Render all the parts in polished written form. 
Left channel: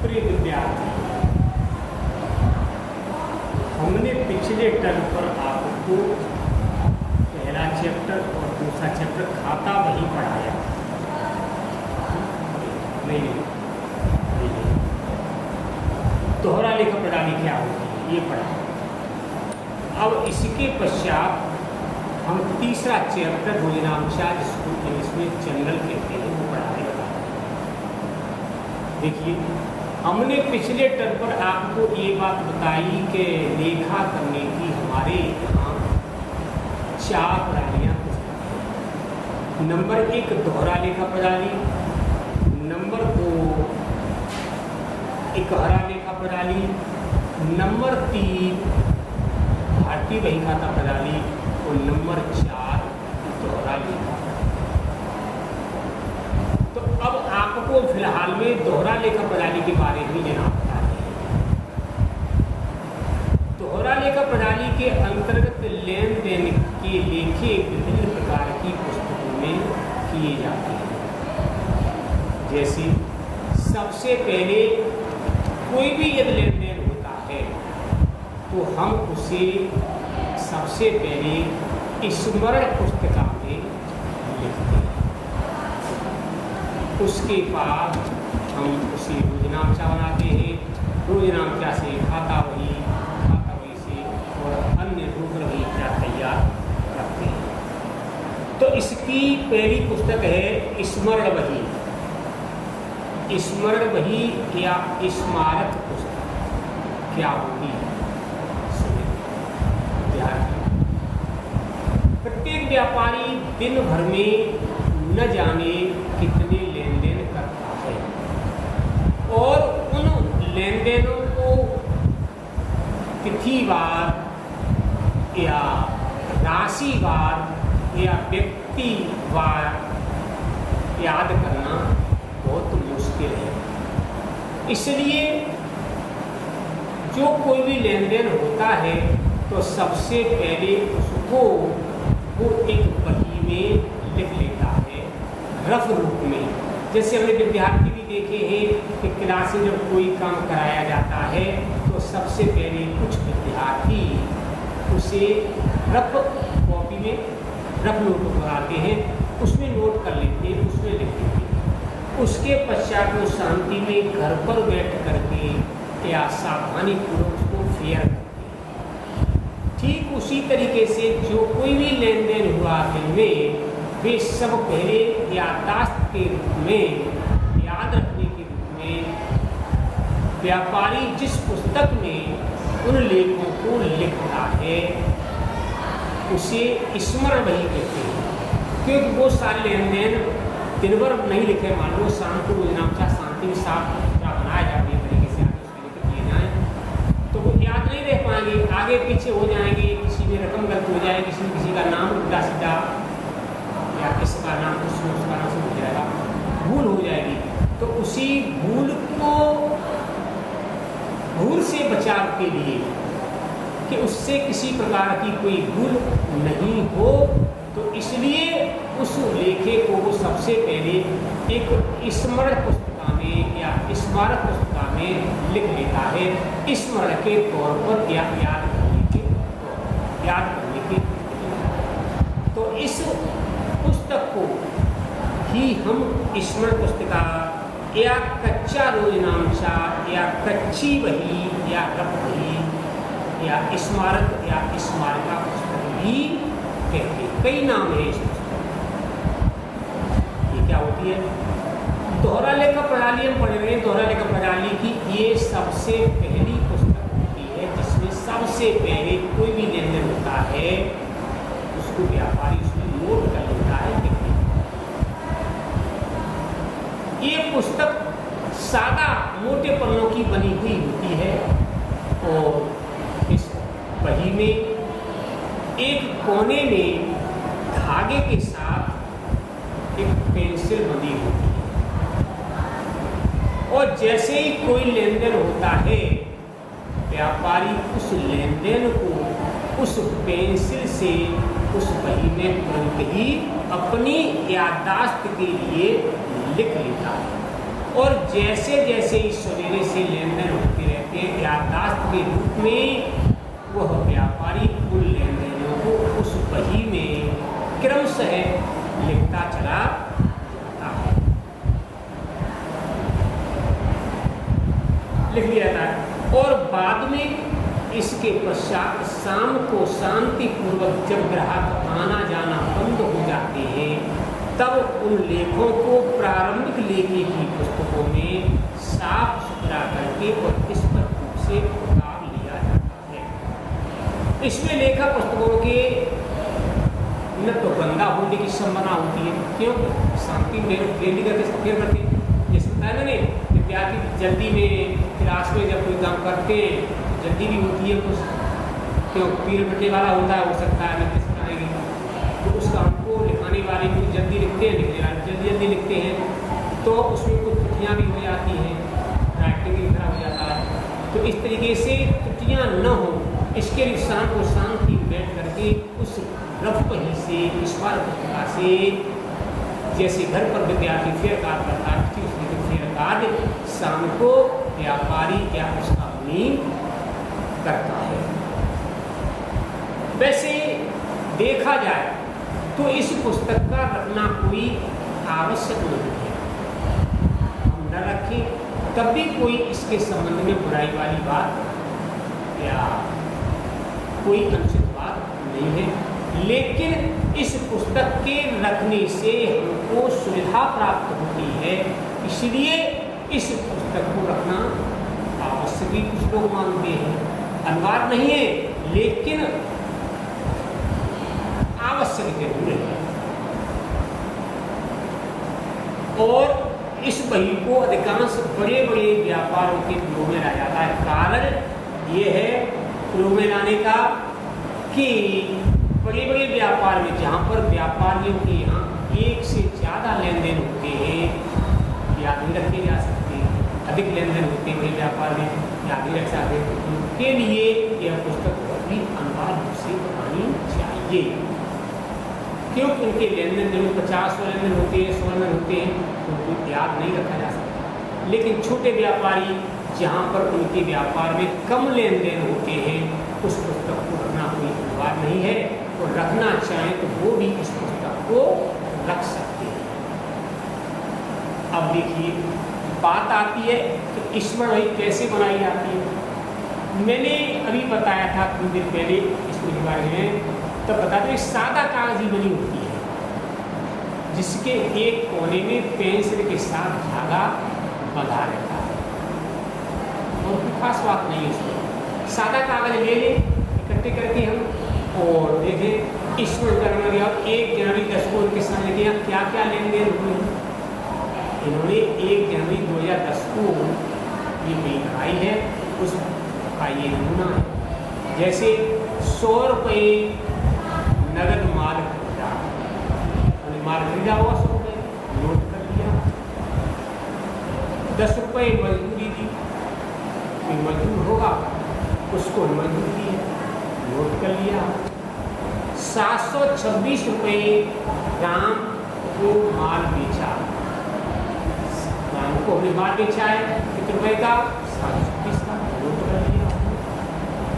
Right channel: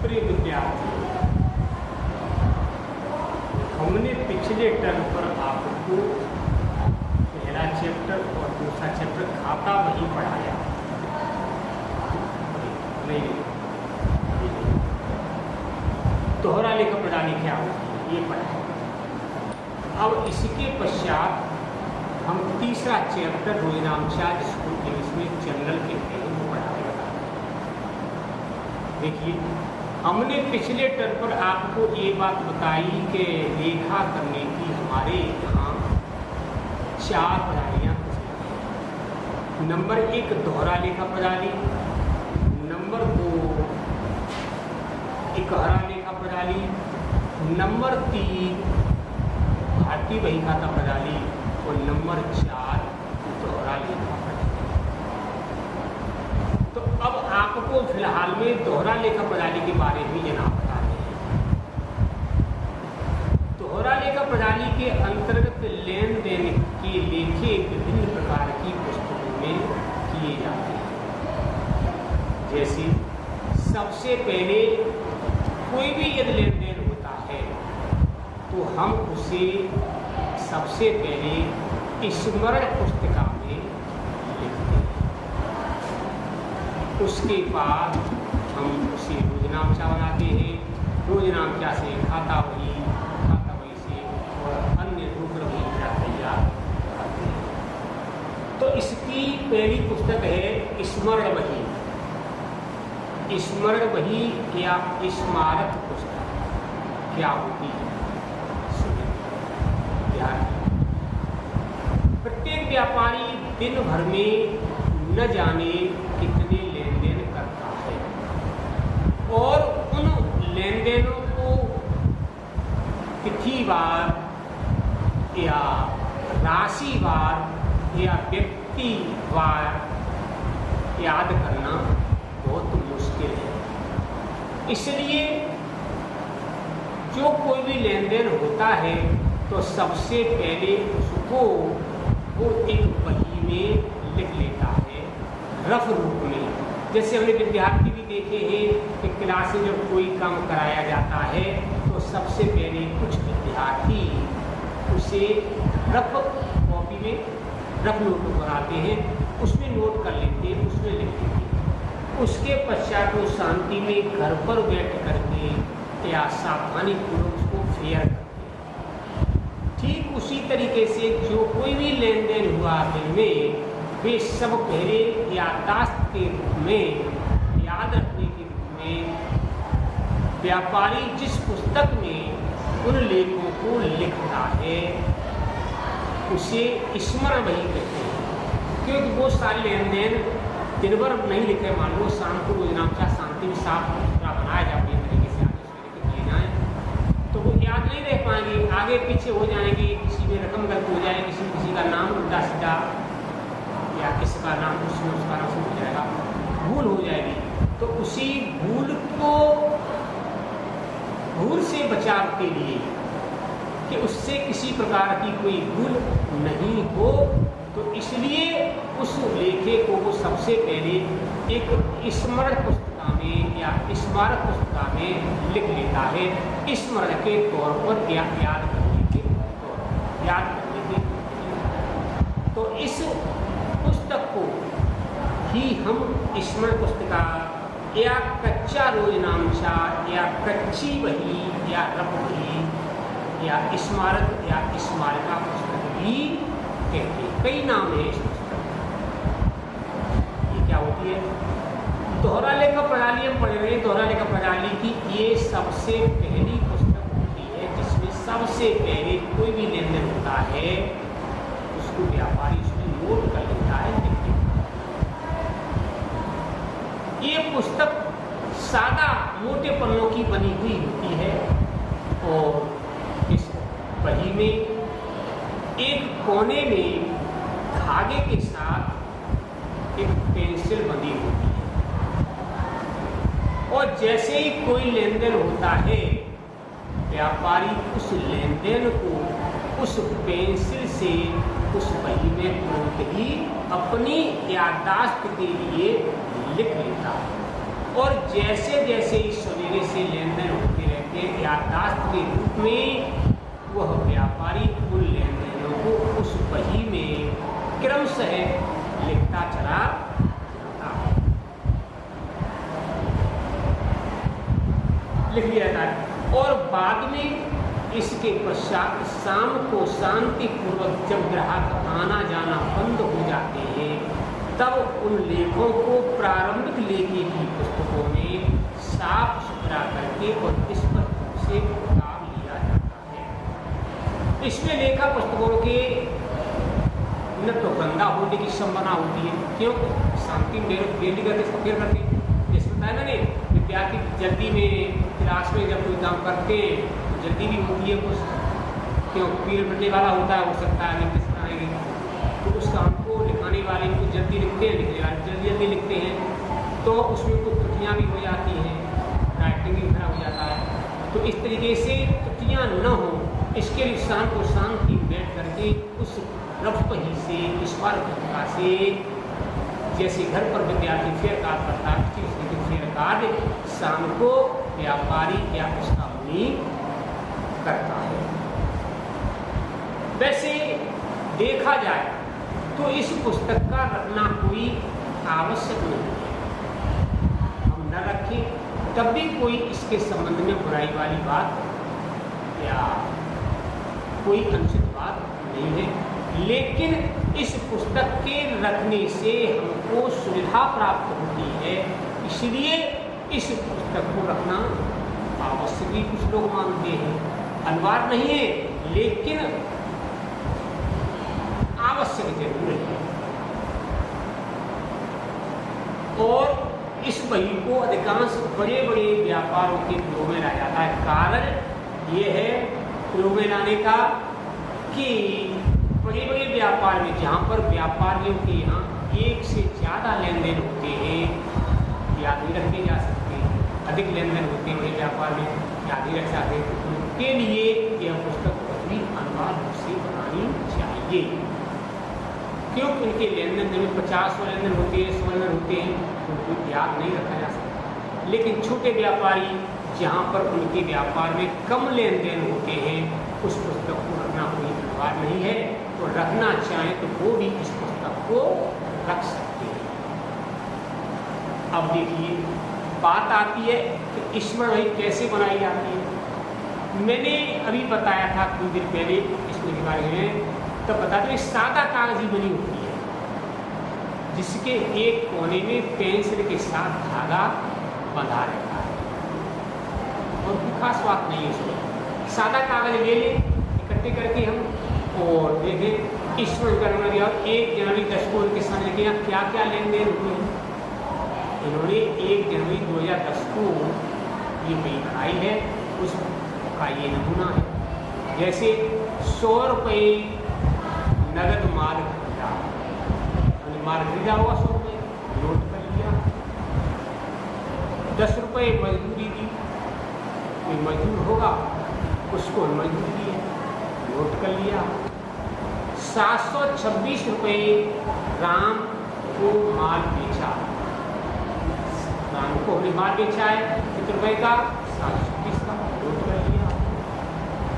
प्रिय विद्यार्थी, हमने पिछले टर्म पर आपको पहला चैप्टर और दूसरा चैप्टर खाता वही पढ़ाया। नहीं, दोहरा लेखा प्रणाली क्या होती है ये पढ़ा। अब इसके पश्चात हम तीसरा चैप्टर भोजनांशाज जिसको इंग्लिश में जनरल कहते हैं वो पढ़ाने वाले हैं। देखिए, हमने पिछले टर्म पर आपको ये बात बताई कि लेखा करने की हमारे यहाँ 4 प्रणालियाँ हैं। नंबर 1 दोहरा लेखा प्रणाली, नंबर 2 इकहरा लेखा प्रणाली, नंबर 3 भारतीय बही खाता प्रणाली और नंबर 4 दोहरा लेखा प्रणाली। तो अब आपको फिलहाल में दोहरा लेखा प्रणाली के बारे में लेना होता है। दोहरा लेखा प्रणाली के अंतर्गत लेन देन के लेखे विभिन्न प्रकार की पुस्तकों में किए जाते हैं। जैसे सबसे पहले कोई भी यदि लेन देन होता है तो हम उसे सबसे पहले स्मरण पुस्तिका में लिखते हैं। उसके बाद हम उसे रोजनामचा बनाते हैं। रोजनामचा से खाता वही से और अन्य रूपरेखा तैयार करते हैं। तो इसकी पहली पुस्तक है स्मरण बही। स्मरण बही या स्मारक पुस्तक क्या होती है? प्रत्येक व्यापारी दिन भर में न जाने कितने लेन देन करता है और उन लेन देनों को तिथिवार या राशिवार या व्यक्तिवार याद करना बहुत मुश्किल है। इसलिए जो कोई भी लेन देन होता है तो सबसे पहले उसको वो एक बही में लिख लेता है रफ रूप में। जैसे हमने विद्यार्थी भी देखे हैं कि क्लास में जब कोई काम कराया जाता है तो सबसे पहले कुछ विद्यार्थी उसे रफ कॉपी में रफ नोट बनाते हैं, उसमें नोट कर लेते हैं, उसमें लिख देते हैं। उसके पश्चात वो शांति में घर पर बैठ करके या सावधानी पूर्वक उसको फेयर करते हैं। ठीक उसी तरीके से जो कोई भी लेन देन हुआ दिन में वे सब पहले याददाश्त के रूप में याद रखने के रूप में व्यापारी जिस पुस्तक में उन लेखों को लिखता है उसे स्मरण बही कहते हैं। क्योंकि वो सारे लेन देन दिन भर नहीं लिखे, मान लो शाम को रोजनामचा शांति में साफ सुथरा बनाया जाए तरीके से आगे उसके लिख दिए जाए तो वो याद नहीं रह पाएंगे, आगे पीछे हो जाएंगे, किसी में रकम गलत हो जाएगी, किसी का नाम उल्टा सीधा या किसका नाम उसमें उसका नाम हो जाएगा, भूल हो जाएगी। तो उसी भूल से बचाव के लिए कि उससे किसी प्रकार की कोई भूल नहीं हो तो इसलिए उस लेखे को वो सबसे पहले एक स्मरण पुस्तिका में या स्मारक पुस्तिका में लिख लेता है, स्मरण के तौर पर या याद करने के तो इस पुस्तक को ही हम स्मरण पुस्तिका या कच्चा रोजनामचा या कच्ची बही या रफ बही या स्मारक या स्मारिका पुस्तक भी कहते हैं। कई नाम है इस पुस्तक। ये क्या होती है? दोहरा लेखा प्रणाली हम पढ़ रहे हैं। दोहरा लेखा प्रणाली की ये सबसे पहली पुस्तक होती है जिसमें सबसे पहले कोई भी लेन देन होता है उसको व्यापारी उसमें नोट कर लेता है, लिख देता है। ये पुस्तक सादा मोटे पन्नों की बनी हुई होती है और इस बही में एक कोने में धागे के साथ एक पेंसिल बंधी होती है और जैसे ही कोई लेन देन होता है व्यापारी उस लेन देन को उस पेंसिल से उस बही में तुरंत ही अपनी याददाश्त के लिए लिख लेता है और जैसे जैसे इस सवेरे से लेन देन होते रहते हैं, याददाश्त के रूप में वह व्यापारी उन लेन देनों को उस बही में क्रमशः लिखता चला जाता है, लिख लिया जाता है। और बाद में इसके पश्चात शाम को शांतिपूर्वक जब ग्राहक आना जाना बंद हो जाते हैं, तब उन लेखों को प्रारंभिक लेखी की पुस्तकों में साफ सुथरा करके और स्पष्ट रूप से उतार लिया जाता है। इसमें लेखा पुस्तकों के न तो गंदा होने की संभावना होती है, क्यों? शांति में डेली करके फिर करके जैसे बताया मैंने, विद्यार्थी जल्दी में क्लास में जब कोई काम करते हैं तो जल्दी भी होती है कुछ, क्यों? पीरियड बढ़ने वाला होता है, हो सकता है नहीं किस तरह की, तो उस काम को लिखाने वाले को जल्दी लिखते हैं, लिखने वाले जल्दी जल्दी लिखते हैं, तो उसमें कुछ त्रुटियाँ भी हो जाती हैं, राइटिंग भी खराब हो जाता है। तो इस तरीके से त्रुटियाँ न हो, इसके लिए शाम को शांति बैठ करके उस रफ बही से, स्मारक पुस्तिका से, जैसे घर पर विद्यार्थी फेयर कार्ड करता है, उसमें फेयर कार्ड शाम को व्यापारी या उसका मुनीम करता है। वैसे देखा जाए तो इस पुस्तक का रखना कोई आवश्यक नहीं है, हम न रखें तब भी कोई इसके संबंध में बुराई वाली बात या कोई अनुचित बात नहीं है। लेकिन इस पुस्तक के रखने से हमको सुविधा प्राप्त होती है, इसलिए इस पुस्तक को रखना आवश्यक भी कुछ लोग मानते हैं, अनिवार्य नहीं है लेकिन आवश्यक जरूर है। और इस बही को अधिकांश बड़े बड़े व्यापारों के प्रयोग में लाया जाता है। कारण ये है प्रयोग में लाने का कि बड़े बड़े व्यापार में, जहाँ पर व्यापारियों के यहाँ एक से ज़्यादा लेन देन होते हैं, याद नहीं रखे जा सकते, अधिक लेन देन होते हैं व्यापार में, याद नहीं रख सकते, उनके लिए यह पुस्तक बहुत ही अनिवार्य रूप से बनानी चाहिए, क्योंकि उनके लेन देन में 50 लेन देन होते हैं, 100 लेन देन होते हैं, उनको याद नहीं रखा जा सकता। लेकिन छोटे व्यापारी जहाँ पर उनके व्यापार में कम लेन देन होते हैं, उस पुस्तक को रखना कोई अनिवार्य नहीं है, तो रखना चाहें तो वो भी इस पुस्तक को रख सकते हैं। अब देखिए बात आती है कि ईश्वर वही कैसे बनाई जाती है। मैंने अभी बताया था कुछ दिन पहले इसके बारे में, तब बताते हैं सादा कागज ही बनी होती है, जिसके एक कोने में पेंसिल के साथ धागा बंधा रहता है, और कोई खास बात नहीं है उसमें। सादा कागज ले लें इकट्ठे करके हम और देखें ईश्वर का नंबर दिया, 1 जनवरी 10 को उनके सामने किया क्या क्या लेन देन हुए हैं। इन्होंने 1 जनवरी 2010 को ये बिल बनाई है, उसका ये नमूना है। जैसे 100 रुपये नगद माल खरीदा, माल खरीदा हुआ 100 रुपये नोट कर लिया। 10 रुपये मजदूरी दी, कोई मजदूर होगा उसको मजदूरी दी, नोट कर लिया। 726 रुपये राम को माल बेचा, राम को हमने माल बेचा है कितने रुपये का, 726 का, नोट कर लिया।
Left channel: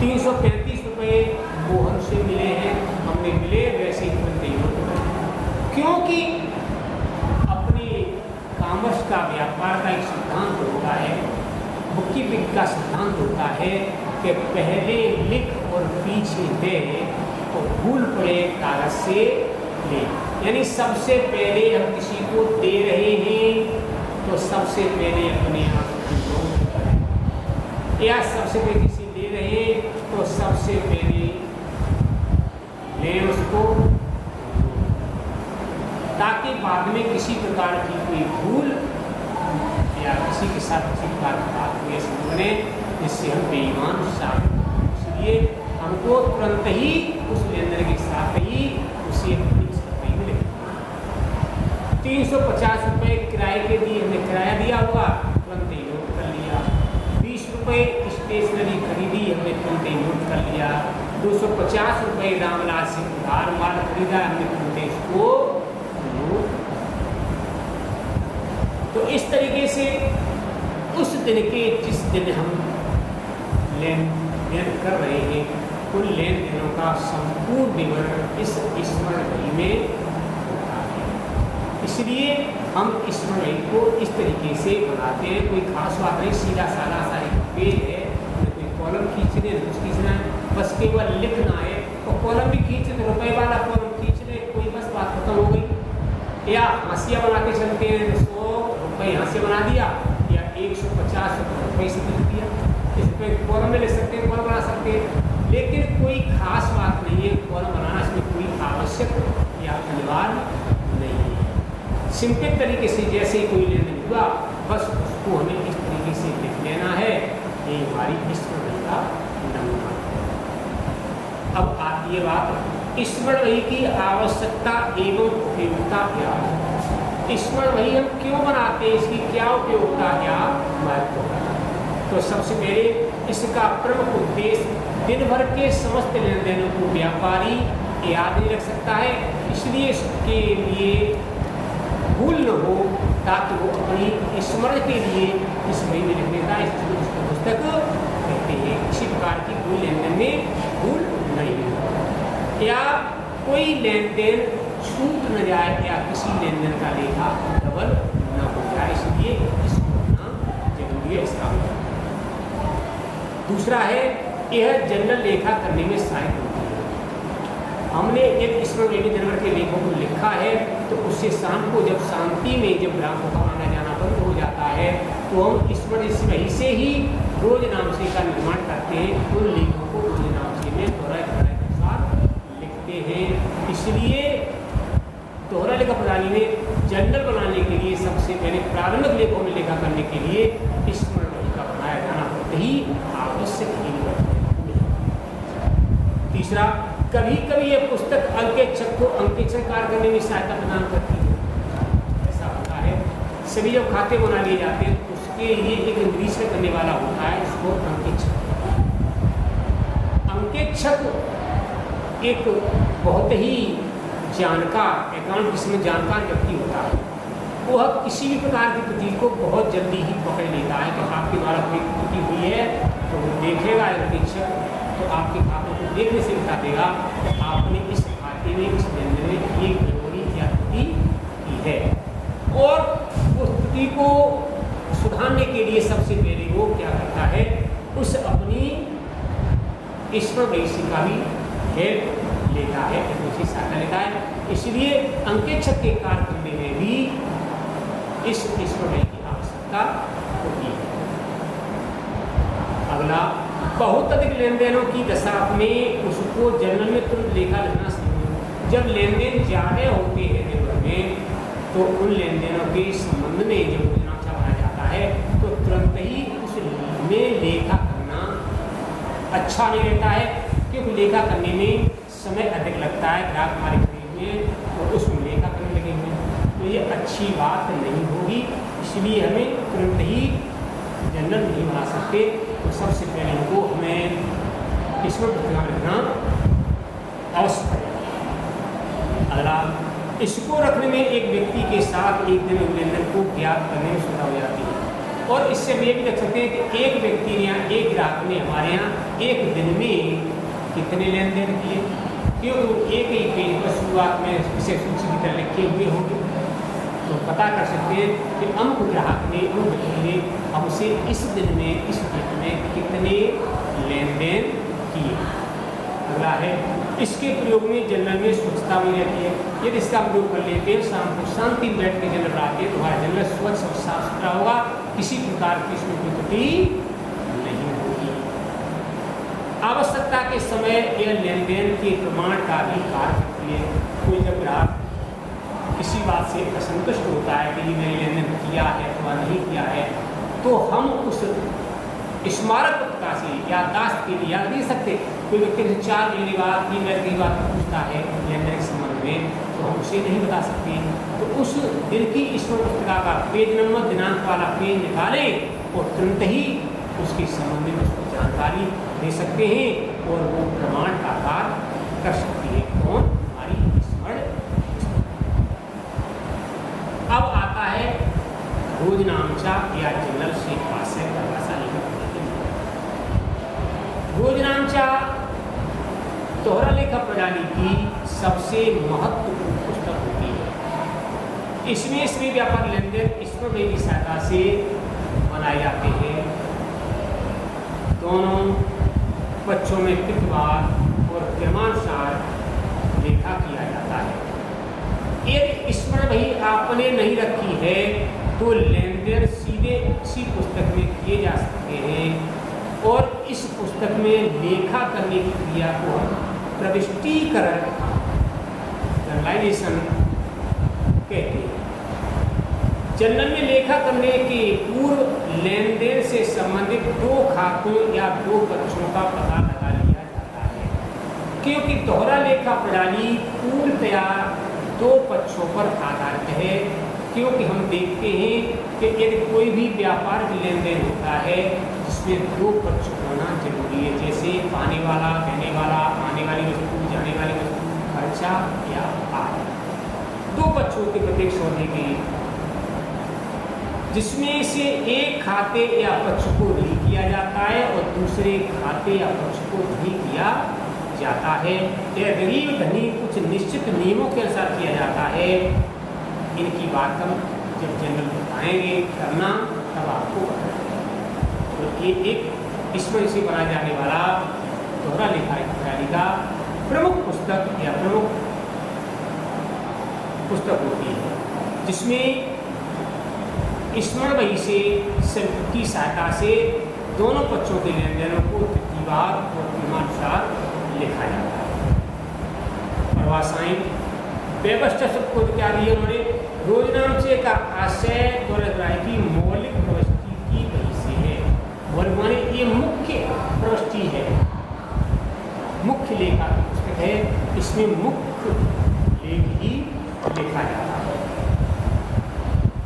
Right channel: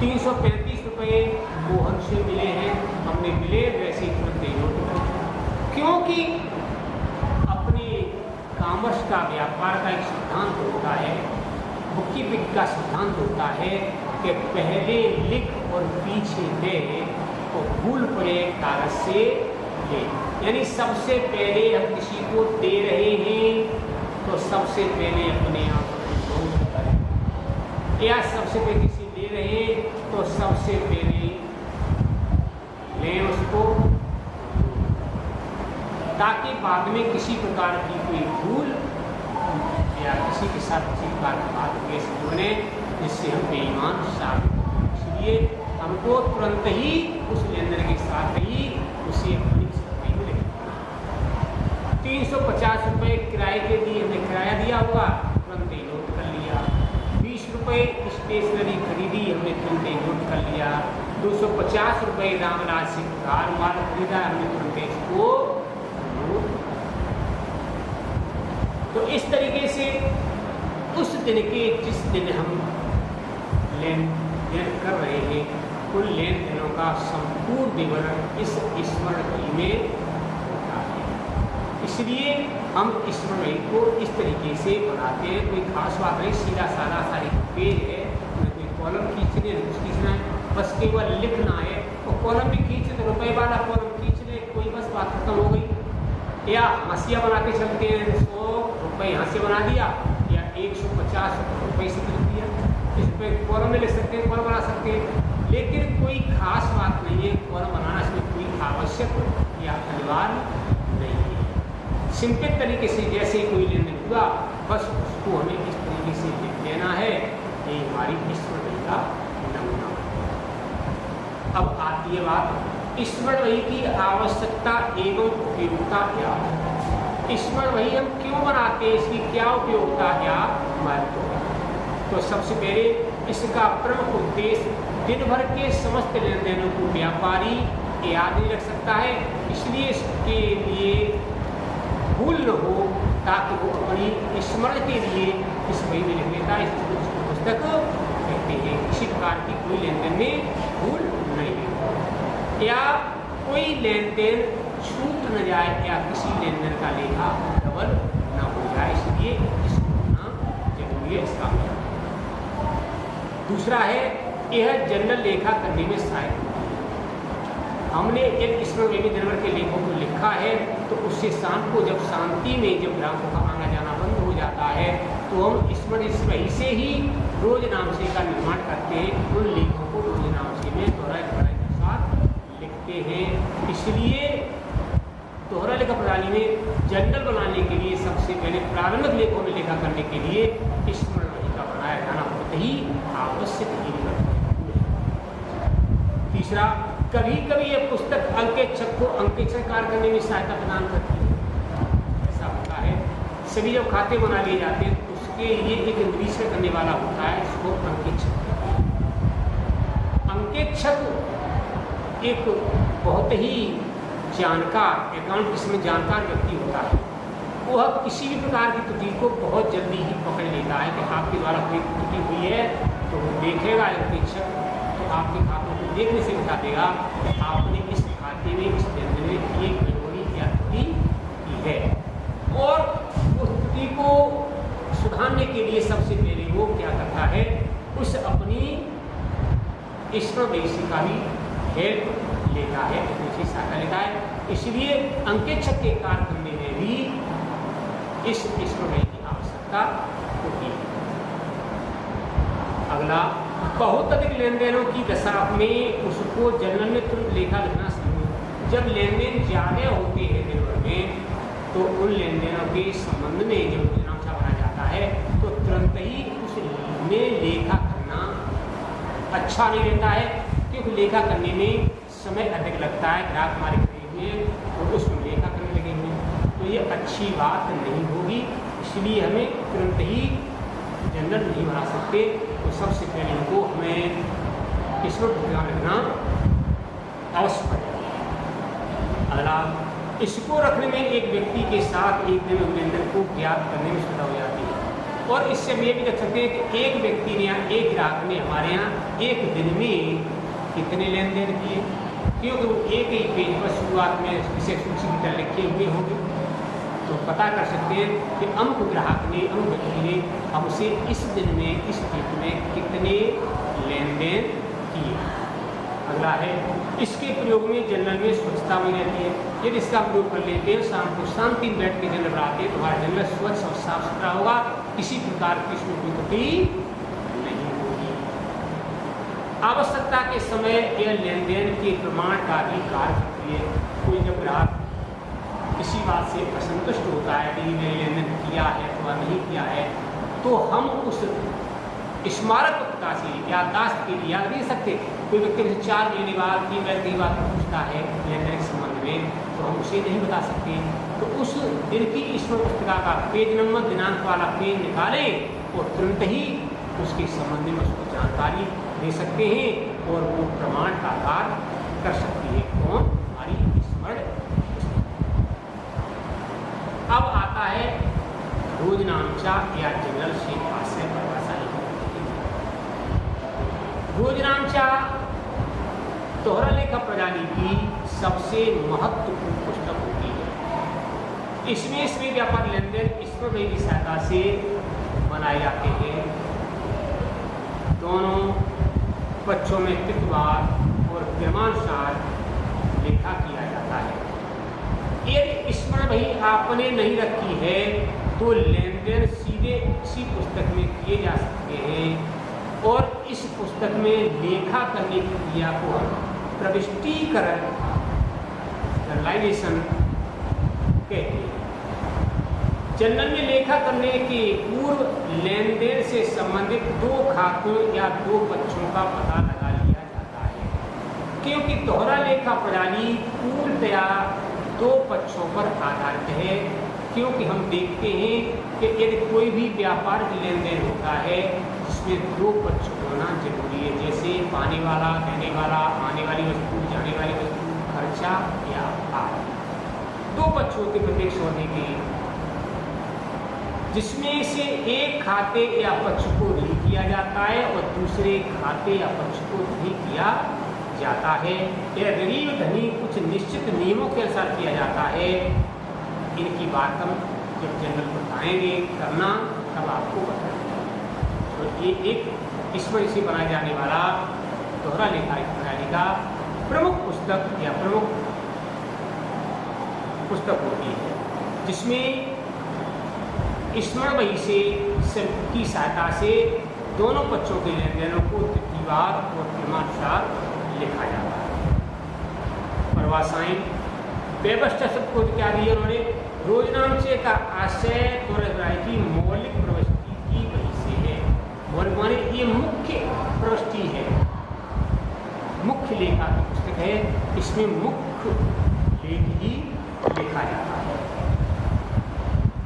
335 रुपये मोहन से मिले हैं, हमने मिले वैसे ही तुरंत ही नोट कर लिया। क्योंकि अपने कॉमर्स का, व्यापार का एक सिद्धांत होता है, बुककीपिंग का सिद्धांत होता है कि पहले लिख और पीछे दे तो भूल पड़े कागज से ले। यानी सबसे पहले हम किसी को दे रहे हैं तो सबसे पहले अपने आप को नोट करें, या सबसे पहले किसी दे रहे हैं तो सबसे पहले लें उसको, ताकि बाद में किसी प्रकार की कोई भूल या किसी के साथ किसी प्रकार की बात हुए बने, जिससे हम बेईमान साबित हो। इसलिए हमको तुरंत ही उस लेनदेन के साथ ही उसे अपनी स्थिति में लिखना। 350 रुपये किराए के दिए, हमने किराया दिया होगा, तुरंत ही नोट कर लिया। 20 रुपये स्टेशनरी खरीदी, हमने तुरंत ही नोट कर लिया। 250 रुपये रामलाल से उधार माल खरीदा, हमने तुरंत इसको नोट। तो इस तरीके से उस दिन के जिस दिन हम लेन देन कर रहे हैं उन लेन देनों का संपूर्ण विवरण इस स्मरण घड़ी में होता है। इसलिए हम स्मरण घड़ी को इस तरीके से बनाते हैं। कोई खास बात नहीं, सीधा साधा सा एक पेज है, कोई कॉलम खींचने कुछ खींचना है, बस केवल लिखना है। तो कॉलम भी खींचे तो रुपए वाला कॉलम खींच ले, कोई बस बात खत्म हो गई। या हंसिया बना के चलते हैं, 100 रुपये यहाँ से बना दिया या 150 रुपये से लिख दिया। इस पर कॉलम में लिख सकते हैं, कॉलम बना सकते हैं, लेकिन कोई खास बात नहीं है। कॉलम बनाना इसमें कोई आवश्यक या अनिवार्य नहीं है। सिंपल तरीके से जैसे ही कोई लेन देन हुआ बस उसको हमें इस तरीके से लिख लेना है। ये हमारी स्मरण का नमूना। अब आती है बात स्मरण की आवश्यकता एवं उपयोगिता क्या है। स्मरण वही हम क्यों बनाते हैं, इसकी क्या उपयोगिता क्या महत्व है। तो सबसे पहले इसका प्रमुख उद्देश्य दिन भर के समस्त लेन देनों को व्यापारी याद नहीं रख सकता है, इसलिए इसके लिए भूल न हो, ताकि वो अपनी स्मरण के लिए इस बही में लिख लेता है। इसको पुस्तक कहते हैं। किसी प्रकार की कोई लेन देन में भूल नहीं हो या कोई लेन देन छूट न जाए या किसी लेन देन का लेखा डबल न हो जाए, इसलिए इसको होना जरूरी है। इसका दूसरा है यह जनरल लेखा करने में सहायक होती है। हमने एक स्मरण जनरल के लेखों को लिखा है तो उससे शाम को जब शांति में जब ग्राहकों का आना जाना बंद हो जाता है तो हम स्मरण इस वही से ही रोज नामसे का निर्माण करते हैं। उन लेखों को रोज नामसे में दोहराए के साथ लिखते हैं। इसलिए दोहरा लेखा प्रणाली में जनरल बनाने के लिए सबसे पहले प्रारंभिक लेखों में लेखा करने के लिए स्मरण का बनाया जाना बहुत ही आवश्यक है। तीसरा, कभी कभी यह पुस्तक अंकेक्षक को अंकेक्षण कार्य करने में सहायता प्रदान करती है। ऐसा होता है सभी जब खाते बना लिए जाते हैं तो उसके लिए एक निरीक्षण करने वाला होता है, उसको अंकेक्षक। अंकेक्षक एक बहुत ही जानकार अकाउंट जिसमें जानकार व्यक्ति होता है। वह किसी भी प्रकार की त्रुटि को बहुत जल्दी ही पकड़ लेता है कि आपके द्वारा कोई त्रुटि हुई है तो वो देखेगा अंकेक्षक, तो आपके खातों को देखने से बता देगा कि आपने इस खाते में इस लेन देन में एक गड़बड़ी या त्रुटि की है। और उस त्रुटि को सुधारने के लिए सबसे पहले वो क्या करता है, उस अपनी स्मरण बही का भी हेल्प लेता है, दूसरी सहायता लेता है। इसलिए अंकेक्षक के कार्य करने में भी इस स्मरण बही की आवश्यकता होती है। अगला, बहुत अधिक लेन देनों की दशा में उसको जनरल में तुरंत लेखा लिखना चाहिए। जब लेन देन ज्यादा होते हैं दिन भर में तो उन लेन देनों के संबंध में जब नक्शा बनाया जाता है तो तुरंत ही उस में लेखा करना अच्छा नहीं रहता है, क्योंकि लेखा करने में समय अधिक लगता है। ग्राहक हमारे खरीद में और उसमें लेखा करने लगे हुए तो ये अच्छी बात नहीं होगी। इसलिए हमें तुरंत ही जनरल नहीं बना सकते, तो सबसे पहले इनको हमें स्मरण पत्रिका लिखना आवश्यक है। अगला, इसको रखने में एक व्यक्ति के साथ एक दिन लेन देन को ज्ञात करने में सुविधा हो जाती है। और इससे हम ये भी देख सकते हैं कि एक व्यक्ति ने या एक ग्राहक ने हमारे यहाँ एक दिन में कितने लेन देन किए, क्योंकि एक ही पेज पर शुरुआत में इसे सूची की तरह लिखे हुए होंगे तो पता कर सकते हैं कि अमुक ग्राहक ने अमुक व्यक्ति ने हमसे इस दिन में इस डेट में कितने लेन देन किए। अगला है, इसके प्रयोग में जनरल में स्वच्छता बनी रहती है। यदि इसका प्रयोग कर लेते हैं शाम को शांति में बैठ के जनरल बनाते हैं तो हमारा जनरल स्वच्छ और साफ सुथरा होगा, किसी प्रकार की इसमें कोई त्रुटि नहीं होगी। आवश्यकता के समय यह लेन देन के प्रमाण का भी कार्य करती है। कोई जब ग्राहक किसी बात से असंतुष्ट होता है कि ये मैंने लेन देन किया है अथवा नहीं किया है तो हम उस स्मारक पत्रिका से याददाश्त के लिए याद नहीं सकते। कोई व्यक्ति 4 महीने बाद 3 महीने के बाद पूछता है लेन देन के संबंध में तो हम उसे नहीं बता सकते। तो उस दिन की स्मरण पत्रिका का पेज नंबर दिनांक वाला पेज निकालें और तुरंत ही उसके संबंध में उसको जानकारी दे सकते हैं और वो प्रमाण का कार्य कर सकती है। कौन? हमारी स्मरण। अब आता है रोजनामचा या जनरल शेख आशय परिभाषा लिखित करने के लिए। रोजनामचा दोहरा लेखा प्रणाली की सबसे महत्वपूर्ण पुस्तक होती है। इसमें सभी व्यापार लेन देन ईश्वरदेव की सहायता से बनाए जाते हैं। दोनों पक्षों में तिथवार और क्रमानुसार लेखा किया जाता है। यदि स्मरण भई आपने नहीं रखी है तो लेन देन सीधे इसी पुस्तक में किए जा सकते हैं और इस पुस्तक में लेखा करने की क्रिया को हम प्रविष्टीकरण जर्नलाइजेशन कहते हैं। जनरल में लेखा करने के पूर्व लेन देन से संबंधित दो खातों या दो पक्षों का पता लगा लिया जाता है, क्योंकि दोहरा लेखा प्रणाली पूर्णतया दो पक्षों पर आधारित है। क्योंकि हम देखते हैं कि यदि कोई भी व्यापारिक लेन देन होता है जिसमें दो पक्ष होना जरूरी है, जैसे पाने वाला, देने वाला, आने वाली वस्तु, जाने वाली वस्तु, खर्चा या आय। दो पक्ष होते प्रत्येक सौदे के, जिसमें से एक खाते या पक्ष को ऋणी किया जाता है और दूसरे खाते या पक्ष को धनी किया जाता है। यह ऋणी और धनी कुछ निश्चित नियमों के अनुसार किया जाता है। इनकी बात हम जब जनरल बताएंगे करना तब आपको बताएंगे। तो ये एक इसमें से बनाया जाने वाला दोहरा लेखा प्रणाली का प्रमुख पुस्तक या प्रमुख पुस्तक होती है, जिसमें स्मरण बही से की सहायता से दोनों पक्षों के लेन देनों को तिथिवार और क्रमानुसार लिखा जाता है। परिभाषाएं व्यवस्था शब्द को क्या दी है उन्होंने? रोजनामचे का आशय दौलतराय की मौलिक प्रवृत्ति की वजह से है। मौलिक माने ये मुख्य प्रवृत्ति है, मुख्य लेखा की पुस्तक है। इसमें मुख्य लेख ही लिखा जाता है।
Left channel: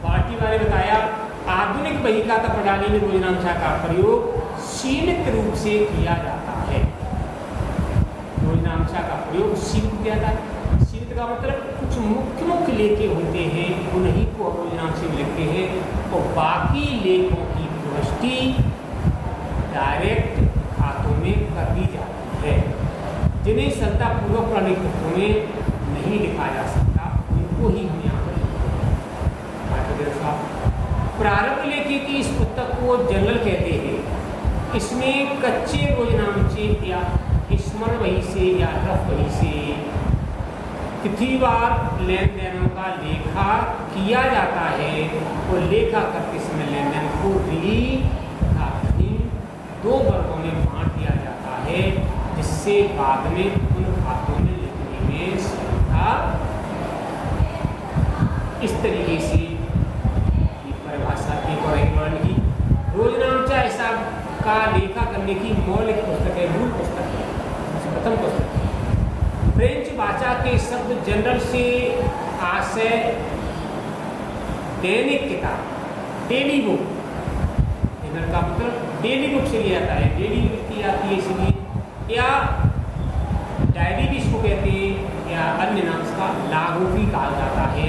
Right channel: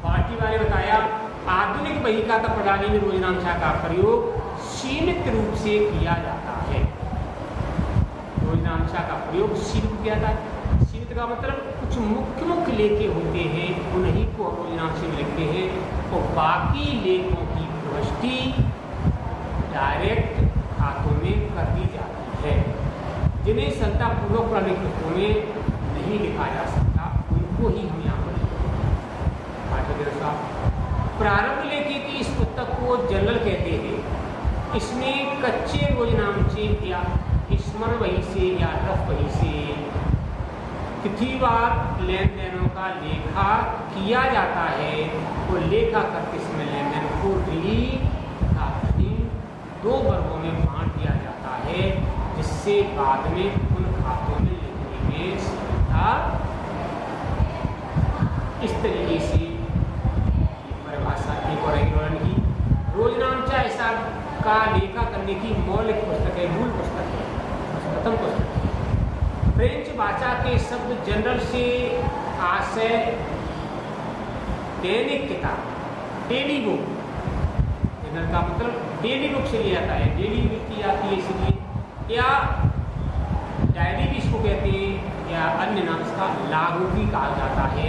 पार्टी वाले बताया आधुनिक बहीखाता प्रणाली में रोजनामचा का प्रयोग सीमित रूप से किया जाता है। रोजनामचा का प्रयोग सीमित किया जाता है। सीमित का मतलब कुछ मुख्य लेखे होते हैं, उन्हीं को हम रोजनामचे में लिखते हैं और बाकी लेखों की प्रविष्टि डायरेक्ट खातों में कर दी जाती है। जिन्हें सत्तापूर्वक प्रणाली पुस्तकों में नहीं लिखा जा सकता उनको ही हम यहाँ पर प्रारंभ लेखे की इस पुस्तक को जनरल कहते हैं। इसमें कच्चे रोजनामचे या स्मरण बही से या रफ बही से तिथिवार लेन देनों का लेखा किया जाता है और लेखा करते समय लेन देन को ऋणी तथा धनी दो वर्गों में बांट दिया जाता है, जिससे बाद में उन खातों में लिखने में सुविधा। इस तरीके से परिभाषा एक और वर्ण की रोजनामचा ऐसा का लेखा करने की मौलिक पुस्तक है, मूल पुस्तक है, प्रथम पुस्तक है। फ्रेंच भाषा के शब्द जनरल से आशय दैनिक किताब, डेली बुक। जनरल का मतलब डेली बुक से लिया जाता है, डेली बुक की जाती है इसलिए, या डायरी भी इसको कहते हैं, या अन्य नाम इसका लागू भी कहा जाता है।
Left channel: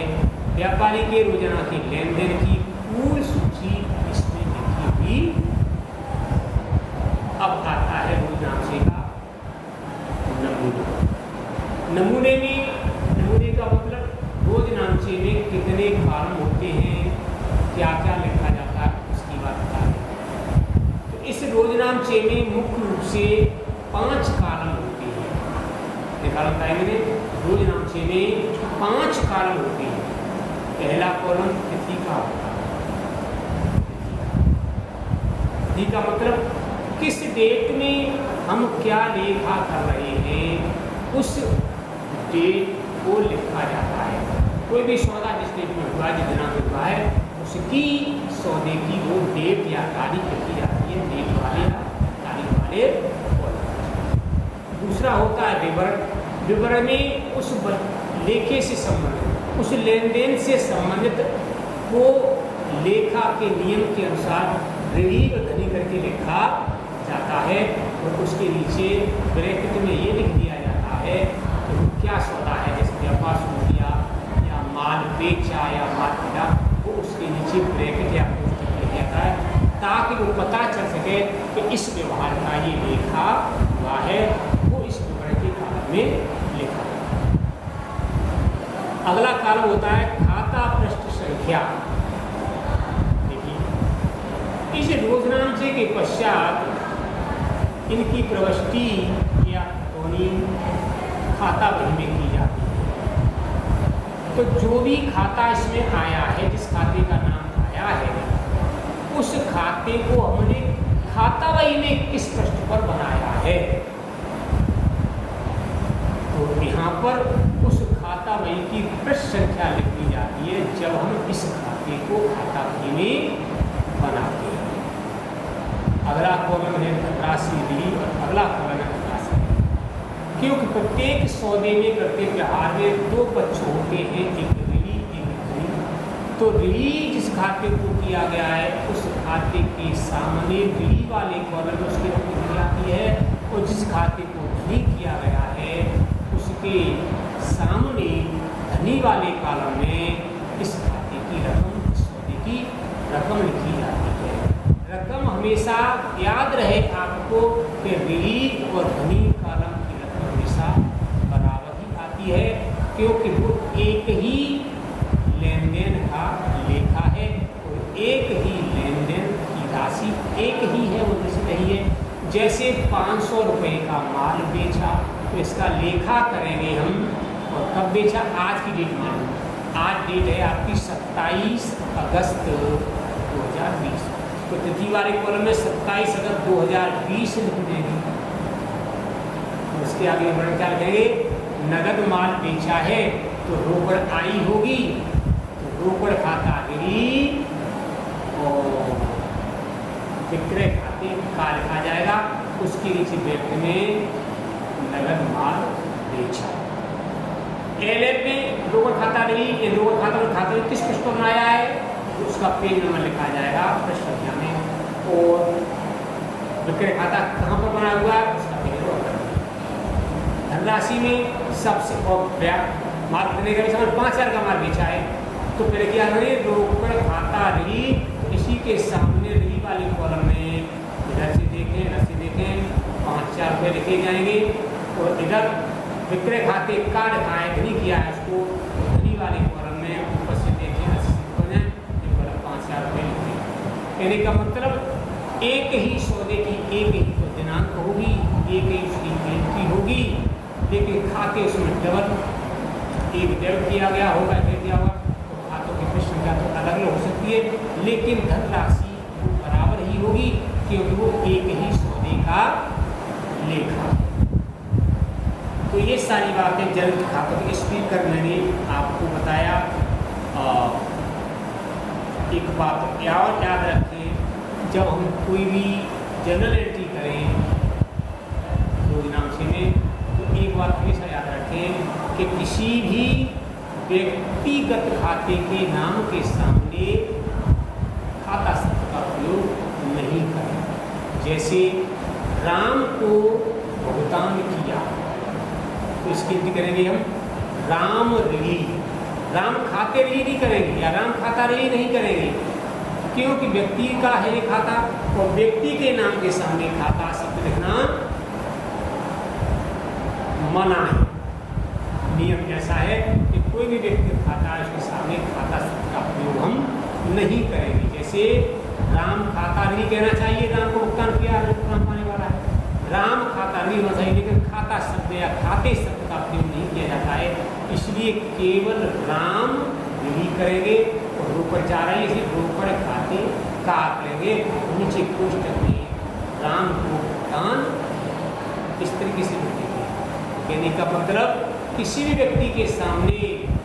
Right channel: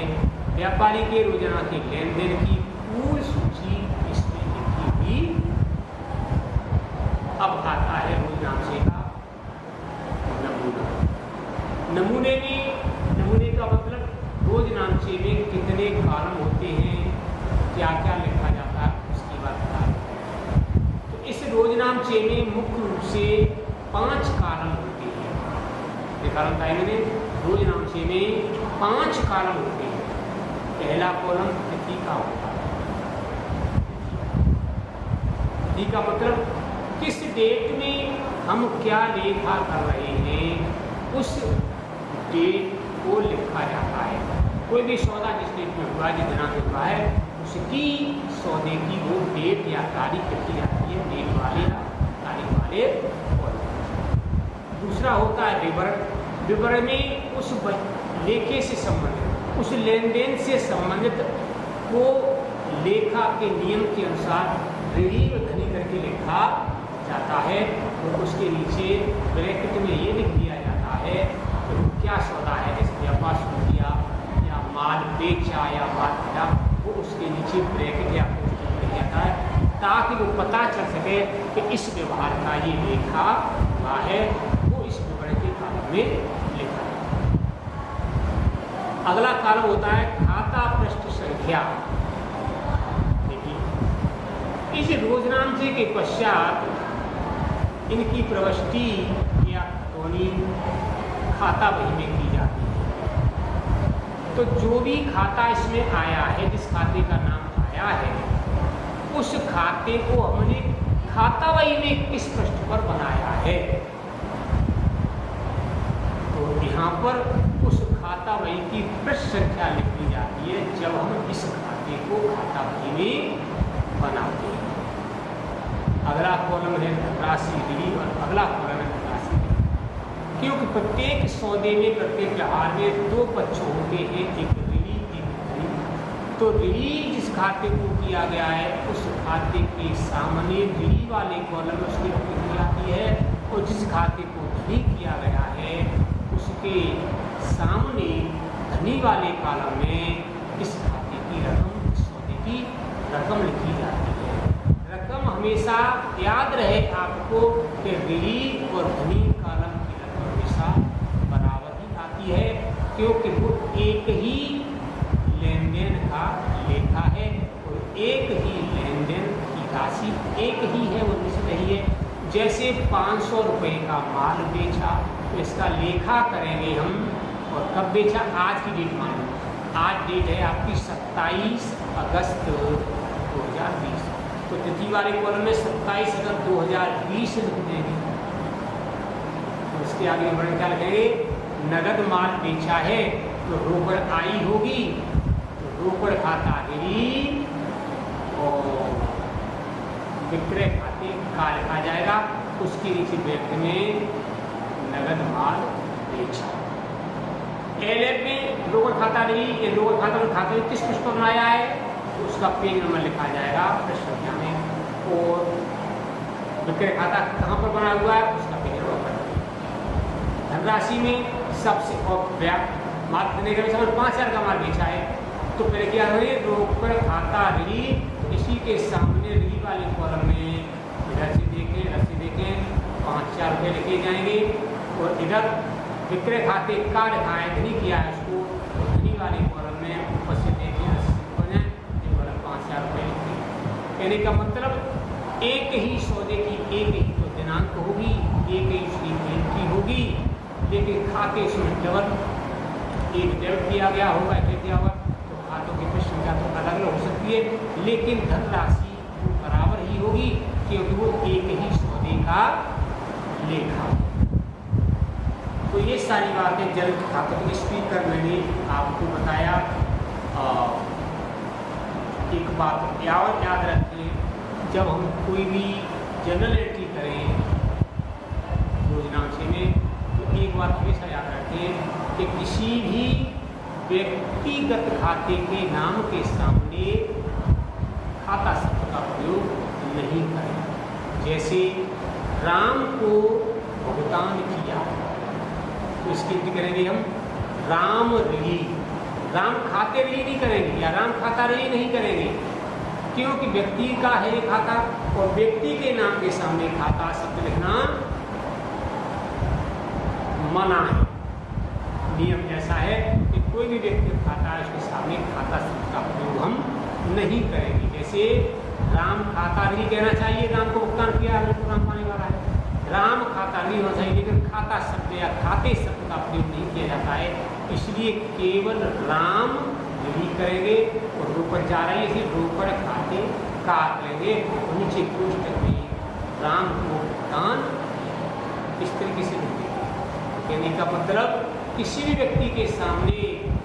व्यापारी के रोजाना के लेन देन की पूर्ण सूची इसमें लिखी हुई। अब आता है रोजनामचे का नमूना। नमूने का मतलब रोजनामचे में कितने कॉलम होते हैं, क्या क्या लिखा जाता है, उसकी बात बता रहे। तो इस रोजनामचे में मुख्य रूप से 5 कॉलम होते हैं। कॉलम में रोजनामचे में 5 कॉलम होते हैं। पहला कॉलम तिथि का होता है। तिथि का मतलब किस डेट में हम क्या लेखा कर रहे हैं, उस डेट को लिखा जाता है। कोई भी सौदा जिस डेट में हुआ, जिस दिनांक में हुआ है, उसकी सौदे की वो डेट या तारीख लिखी जाती है, डेट वाले तारीख वाले। दूसरा होता है विवरण। विवरण में उस लेखे से संबंधित, उस लेन देन से संबंधित को लेखा के नियम के अनुसार ऋणी और धनी करके लिखा जाता है और उसके नीचे ब्रैकेट में ये लिख दिया जाता है कि वो क्या सौदा है, जैसे व्यापार शुरू किया या माल बेचा या माल खरीदा, वो उसके नीचे ब्रैकेट या कोष्ठक लिख जाता है, ताकि वो पता चल सके कि इस व्यवहार का ये लेखा हुआ है, वो इस विवरण के कालम में लिखा है। अगला कालम होता है खाता पृष्ठ संख्या। देखिए, इस रोजनामचे के पश्चात इनकी प्रविष्टि या खतौनी खाता बही में की जाती है। तो जो भी खाता इसमें आया है, जिस खाते का नाम आया है, उस खाते को हमने खाता बही में किस पृष्ठ पर बनाया है, तो यहाँ पर उस खाता बही की पृष्ठ संख्या लिखी जाती है जब हम इस खाते को खाता बही में बनाते हैं। अगला कॉलम है धनराशि ऋणी और अगला कॉलम है धनराशि, क्योंकि प्रत्येक सौदे में, प्रत्येक व्यवहार में दो पक्ष होते हैं, एक ऋणी एक धनी। तो ऋणी जिस खाते को किया गया है, उस खाते के सामने ऋणी वाले कॉलम में उसकी रकम लिखी जाती है, और जिस खाते को धनी किया गया है उसके सामने धनी वाले कॉलम में इस खाते की रकम, इस सौदे की रकम लिखी जाती है। रकम हमेशा याद रहे आपको कि ऋणी और धनी कॉलम की रकम हमेशा बराबर ही आती है, क्योंकि वो एक ही लेन देन का लेखा है और एक ही लेन देन की राशि एक ही है, वो निश्चित रही है। जैसे 500 रुपये का माल बेचा तो इसका लेखा करेंगे हम, और कब बेचा, आज की डेट मान, आज डेट है आपकी 27 अगस्त 2020, तो तिथि वाले कॉलम में 27 अगस्त 2020 लिख देंगे। तो उसके आगे वर्णन क्या लिखेंगे, नगद माल बेचा है तो रोकड़ आई होगी, तो रोकड़ खाता ऋणी और विक्रय खाते का लिखा जाएगा, उसके नीचे व्यक्ति में नगद माल बेचा। एलएफ में रोकड़ खाता ऋणी, ये रोकड़ खाता में खाते किस पृष्ठ पर बनाया है, तो उसका पेज नंबर लिखा जाएगा पृष्ठ संख्या में, और विक्रय खाता कहाँ पर बना हुआ है उसका पेज नंबर। धनराशि में सबसे माल खरीदने के लिए 5000 का माल बेचा है, तो पहले क्या होंगे, रोकड़ खाता ऋणी, इसी के सामने ऋणी वाले कॉलम में इधर से देखें 5000 रुपये लिखे जाएंगे, और इधर विक्रय खाते का लिखा है, धनी किया है उसको, तो धनी वाले कॉलम में ऊपर से देखें 5000 रुपये लिखे। कहने का मतलब एक ही सौदे की एक ही तो दिनांक होगी, एक ही उसकी एंट्री होगी, लेकिन खाते उसमें डबल, एक डेबिट किया गया होगा, एक दिया होगा, तो खातों की पृष्ठ संख्या तो अलग अलग हो सकती है, लेकिन धनराशि वो बराबर ही होगी, क्योंकि वो एक ही सौदे का लेखा। तो ये सारी बातें जल्द खाते स्पीकर मैंने आपको बताया। एक बात याद रखें, जब हम कोई भी जनरल एंट्री करें रोजनामचे में, तो एक बात हमेशा याद रखें कि किसी भी व्यक्तिगत खाते के नाम के सामने खाता शब्द का प्रयोग नहीं करें। जैसे राम को भुगतान किया, तो इसकी गिनती करेंगे हम राम ऋणी, राम खाते ऋणी नहीं करेंगे या राम खाता ऋणी नहीं करेंगे, क्योंकि व्यक्ति का है ये खाता, और व्यक्ति के नाम के सामने खाता शब्द लिखना मना है। नियम ऐसा है कि कोई भी व्यक्ति खाता है उसके सामने खाता शब्द का प्रयोग हम नहीं करेंगे। जैसे राम खाता ऋणी कहना चाहिए, राम को भुगतान किया राम पाने वाला है, राम खाता ऋणी होना चाहिए, लेकिन खाता शब्द या खाते शब्द का प्रयोग नहीं किया जाता है, इसलिए केवल राम ऋणी करेंगे, और रोकड़ जा रही है इसलिए रोकड़ खाते का करेंगे, नीचे कोष्ठक में राम को भुगतान इस तरीके से लिख देंगे। कहने का मतलब किसी भी व्यक्ति के सामने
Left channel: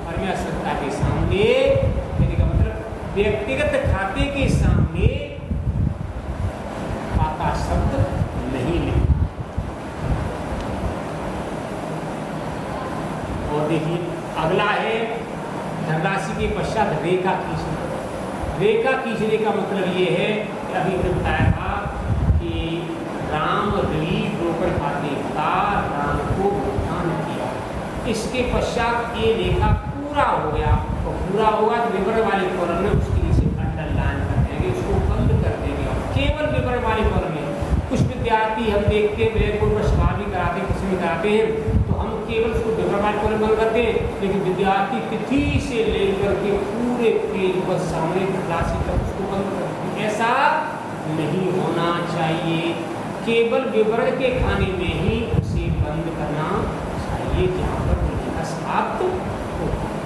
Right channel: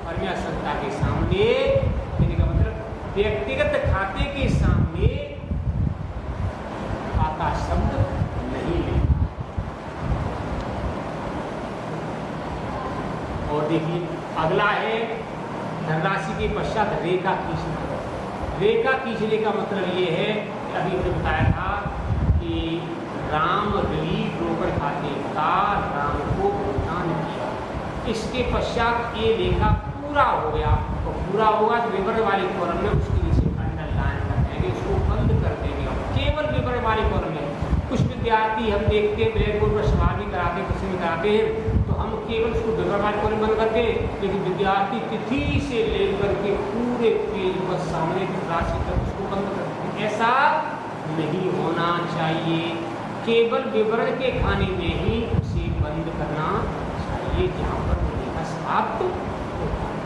और या संस्था के सामने, कहने का मतलब व्यक्तिगत खाते के सामने खाता शब्द नहीं लिखना। और देखिए अगला है धनराशि के पश्चात रेखा खींचना। रेखा खींचने का मतलब ये है कि अभी हमने बताया था कि राम ऋणी रोकड़ खाते का राम को भुगतान किया, इसके पश्चात ये रेखा पूरा हो गया, तो पूरा होगा तो विवरण वाले कॉलम में उसके लिए अंडरलाइन कर देंगे, उसको बंद कर देंगे। और केवल विवरण वाले कॉलम में कुछ विद्यार्थी हम देखते हैं ब्लैक बोर्ड पर सवाल भी कराते हैं, कुछ भी कराते हैं, तो हम केवल उसको विवरण वाले कॉलम बंद करते हैं, लेकिन विद्यार्थी तिथि से लेकर के पूरे पेज पर सामने राशि तक उसको बंद करते हैं। ऐसा नहीं होना चाहिए, केवल विवरण के खाने में ही उसे बंद करना चाहिए जहाँ पर लेखा समाप्त होता है।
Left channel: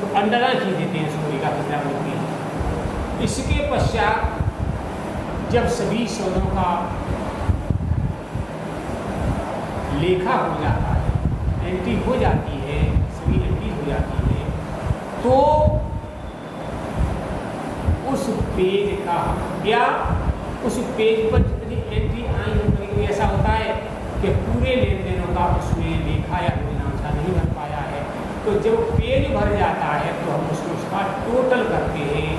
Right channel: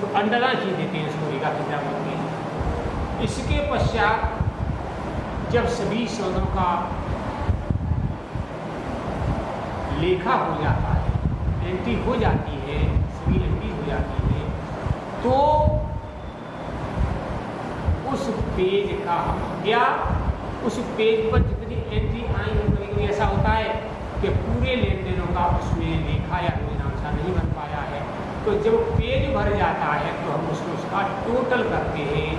तो अंडरलाइन ही देते हैं उसको, लेखा कितना बोलते हैं। इसके पश्चात जब सभी स्वरों का लेखा हो जाता है, एंट्री हो जाती है, सभी एंट्री हो जाती है, तो उस पेज का या उस पेज पर जितनी एंट्री आई है, कभी कभी ऐसा होता है कि पूरे लेन देनों का उसमें लेखा या योजनांशा नहीं बन पाया है, तो जब पेज भर जाता है तो हम उसका टोटल करते हैं